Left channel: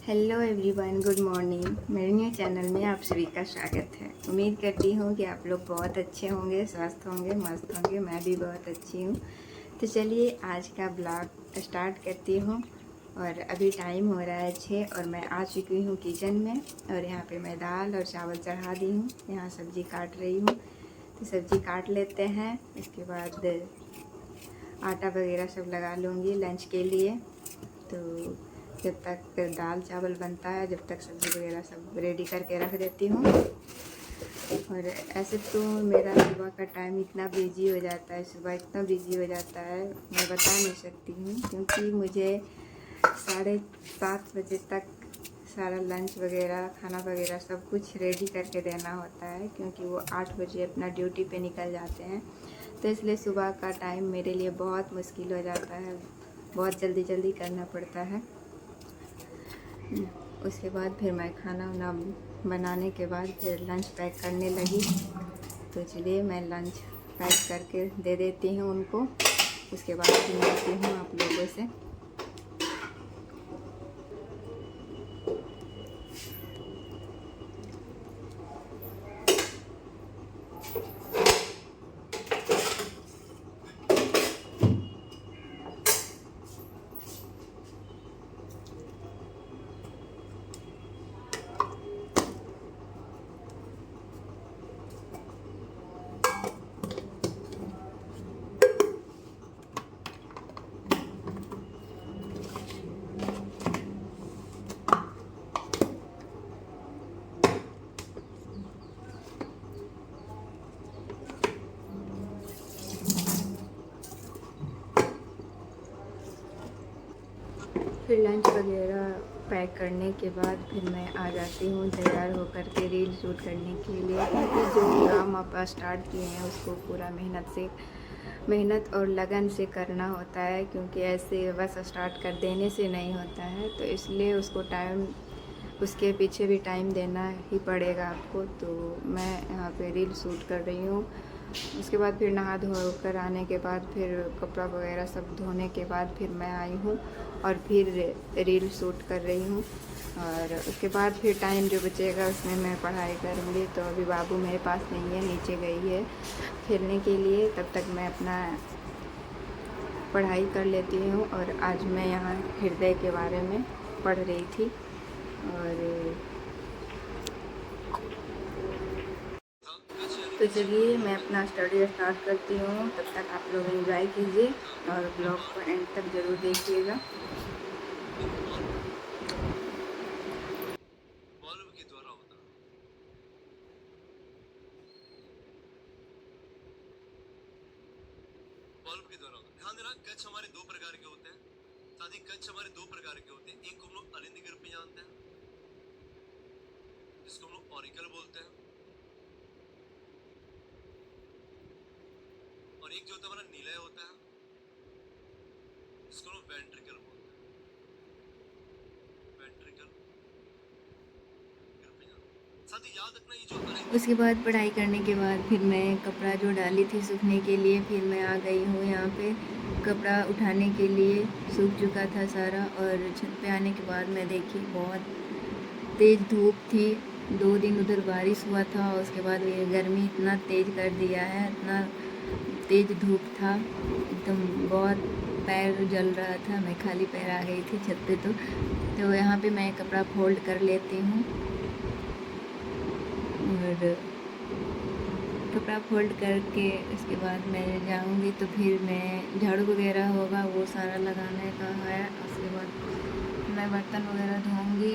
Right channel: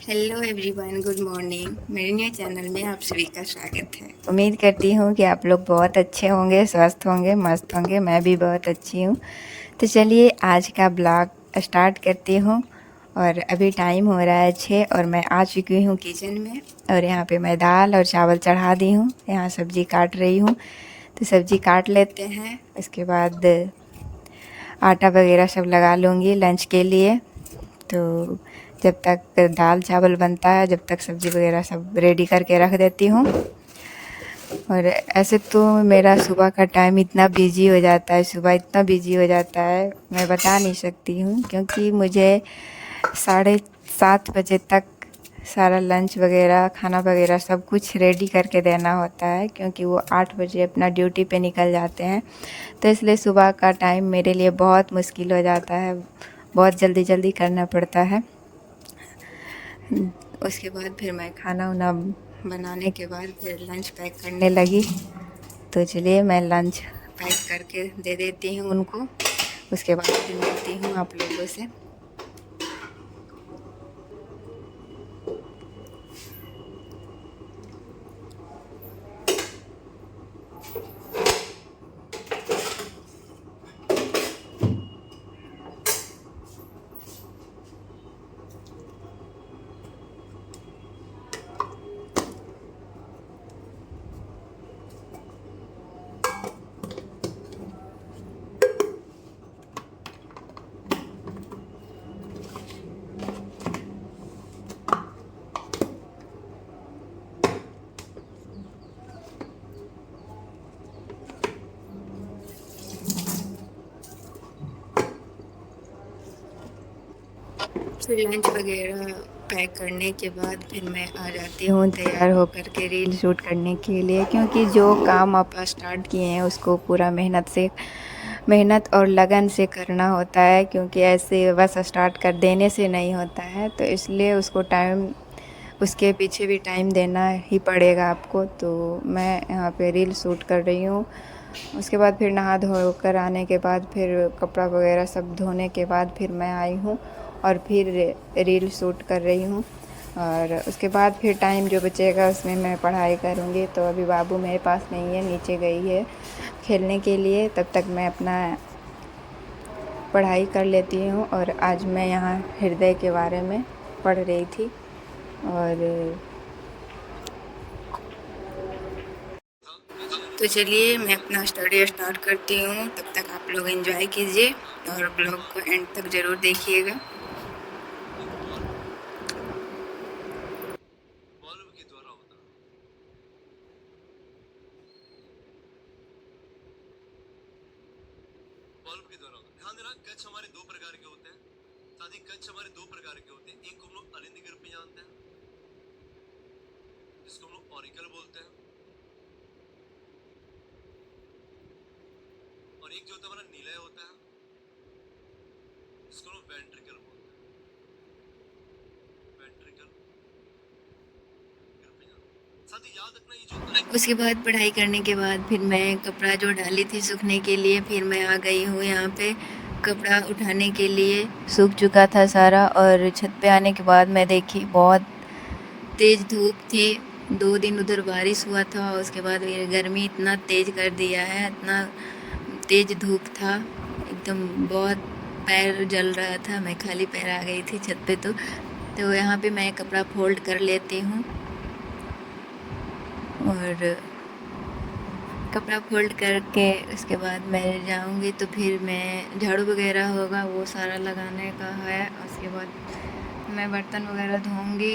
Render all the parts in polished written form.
Hello everyone, good morning. मेरे new channel में आप सभी का स्वागत है। उम्मीद करती हूँ कि आप लोग बहुत अच्छे होंगे, स्वस्थ होंगे, मस्त होंगे। मैं भी बहुत अच्छी हूँ। तो चलिए आज का ब्लॉग स्टार्ट करती हूँ। और अभी टाइम हो रहा है 6 और मैं आ चुकी हूँ किचन में। और यहाँ पे मैं दाल और चावल चढ़ा दी हूँ। यहाँ सब्ज़ी काट रही हूँ, तो सब्ज़ी काट लेते हैं। इसके बाद आटा वगैरह सब लगा लूँगी लंच के लिए। तो जब तक दाल चावल बनता है, जब तक सब्ज़ी वगैरह सब रेडी करके रख देती हूँ। और ऐसे तो मेरा सुबह का टाइम इतना बिजी हो जाता है, सुबह इतना बिजी हो जाता है, मैं बता नहीं सकती हूँ। क्योंकि मुझे 7:30 बजे तक सारा लंच वगैरह, खाना वगैरह सब कुछ रेडी करके देना होता है। क्योंकि वो 8 बजे अपना ड्यूटी पे निकल जाते हैं। तो इसलिए सुबह का टाइम मेरे लिए बहुत मुश्किल हो जाता है, बहुत जल्दी जल्दी करना पड़ता है। उसके बाद फिर मैं खाना वाना बनाने के बाद फिर लंच पैक करने लगी। तो चलिए मैं लंच पैक करके दे देती हूँ उनको। उसके बाद फिर मिलती हूँ आप लोगों से। फिर लंच वगैरह पैक करने के बाद फिर मैं आ जाती हूँ तैयार होकर के रील शूट करने के लिए। क्योंकि जो काम आप स्टार्ट किए हैं उसको पूरा मेहनत और लगन से करना होता है। क्योंकि ऐसे बस स्टार्ट कर देने से नहीं होता है, तो इसलिए उसको टाइम, उसके पीछे भी टाइम देना ही पड़ेगा आपको। तो मैं यहाँ पे रील शूट कर रही हूँ। उसके बाद फिर नहा धो कर आने के बाद फिर कपड़ा वगैरह सब धोने के बाद फिर मैं आई हूँ और फिर रील शूट कर रही हूँ। और उसके बाद फिर टाइम जो बचेगा उसमें मैं पढ़ाई करूँगी। तो अभी बाबू मेरे पास नहीं है, नीचे गई है खेलने के लिए। तब तक मैं अपना पढ़ाई कर लेती हूँ। और आज मैं यहाँ हृदय के बारे में पढ़ रही थी। और तो चलिए मैं अपना स्टडी स्टार्ट करती हूँ। तब तक आप लोग एंजॉय कीजिए और ब्लॉग को एंड तक ज़रूर देखिएगा। बल्ब के द्वारा होता है। बल्ब के द्वारा होता है। ध्यान देना, कच्छ हमारे दो प्रकार के होते हैं। साथ ही कच्छ हमारे दो प्रकार के होते हैं। एक को हम लोग अलिंद के रूप में जानते हैं, जिसको हम लोग ऑरिकल बोलते हैं। और एक जो होता है हमारा नीलय होता है, जिसको हम लोग वेंट्रिकल बोलते हैं। वेंट्रिकल के रूप में जानते हैं। साथ ही याद रखना, ये जो उसके बाद पढ़ाई करने के बाद फिर मैं कपड़ा जो डाली थी सूखने के लिए, फिर मैं आ गई हूँ यहाँ पे कपड़ा उठाने के लिए। सूख चुका था सारा। और छत पे आने के बाद मैं देखी बहुत तेज़ धूप थी। 2 दिन उधर बारिश हुआ था, उसके बाद ये गर्मी इतना तेज़ कर दिया है, इतना तेज़ धूप था एकदम, बहुत पैर जल रहा था। मैं खाली पैर आ गई थी छत पे। तो यहाँ पे मैं कपड़ा फोल्ड कर लेती हूँ। और कपड़ा फोल्ड करके उसके बाद मैं जाऊँगी तो फिर मैं झाड़ू वगैरह होगा वो सारा लगाने का है। उसके बाद मैं बर्तन वगैरह धोऊँगी।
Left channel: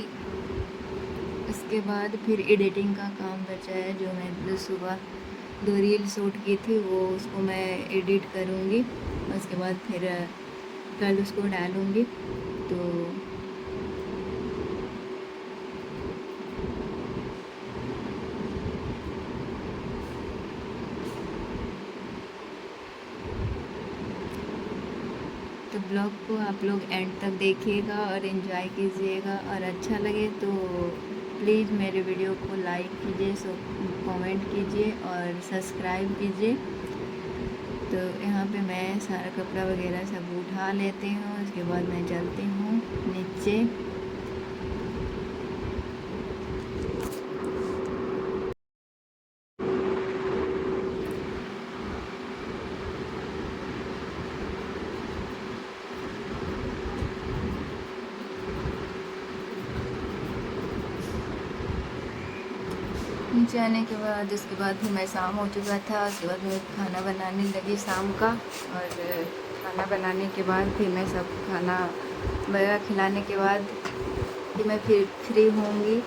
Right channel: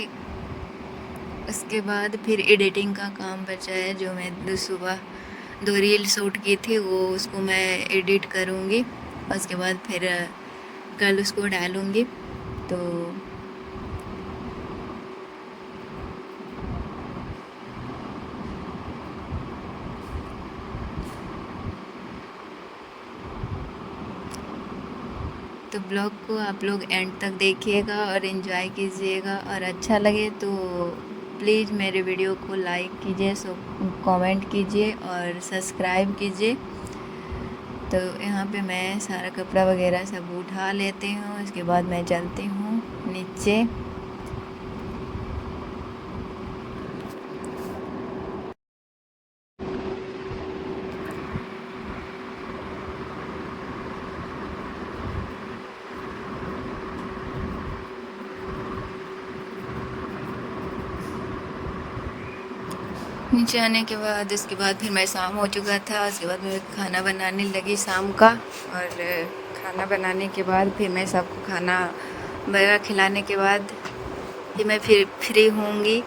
उसके बाद फिर एडिटिंग का काम बचा है, जो मैं सुबह 2 रील शूट की थी वो, उसको मैं एडिट करूँगी। उसके बाद फिर कल उसको डालूँगी। तो ब्लॉग को आप लोग एंड तक देखिएगा और एंजॉय कीजिएगा। और अच्छा लगे तो प्लीज़ मेरे वीडियो को लाइक कीजिए, कमेंट कीजिए और सब्सक्राइब कीजिए। तो यहाँ पे मैं सारा कपड़ा वगैरह सब उठा लेती हूँ। उसके बाद मैं चलती हूँ नीचे। नीचे आने के बाद उसके बाद फिर मैं शाम हो चुका था, उसके बाद मैं खाना बनाने लगी शाम का। और खाना बनाने के बाद फिर मैं सबको खाना वगैरह खिलाने के बाद फिर मैं फिर फ्री होंगी।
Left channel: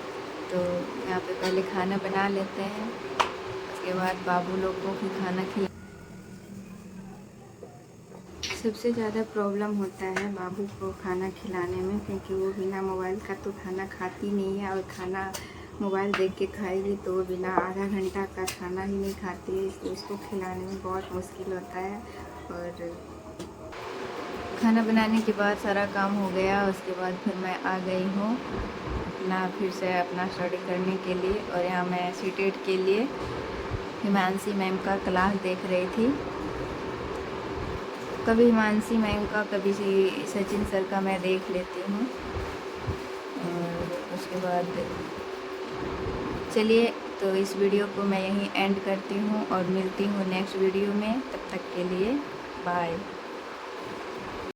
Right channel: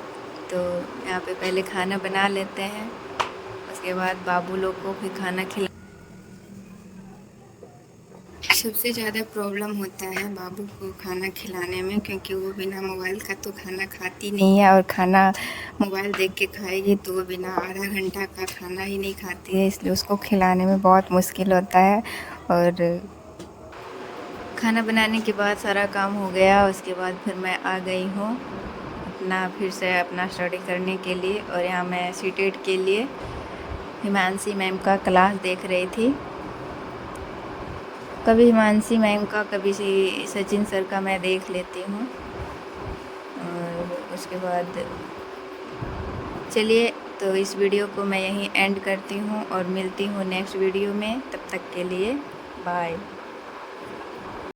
तो यहाँ पे पहले खाना बना लेते हैं, उसके बाद बाबू लोग को फिर खाना खिला। सबसे ज़्यादा प्रॉब्लम होता है बाबू को खाना खिलाने में, क्योंकि वो बिना मोबाइल का तो खाना खाती नहीं है, और खाना मोबाइल देख के खाएगी तो वो बिना आधा घंटा का खाना ही नहीं खाती है, इसलिए उसको खिलाने में बहुत मुश्किल होता है। और खाना बनाने के बाद सारा काम हो गया, उसके बाद फिर मैं आ गई हूँ फिर से अपना स्टडी करने के लिए। और यहाँ मैं सीटेट के लिए हिमांशी मैम का क्लास देख रही थी। कभी हिमांशी मैम का, कभी सचिन सर का मैं देख लेती हूँ। और उसके बाद चलिए, तो इस वीडियो को मैं यहीं एंड करती हूँ और मिलती हूँ नेक्स्ट वीडियो में। तब तक के लिए बाय।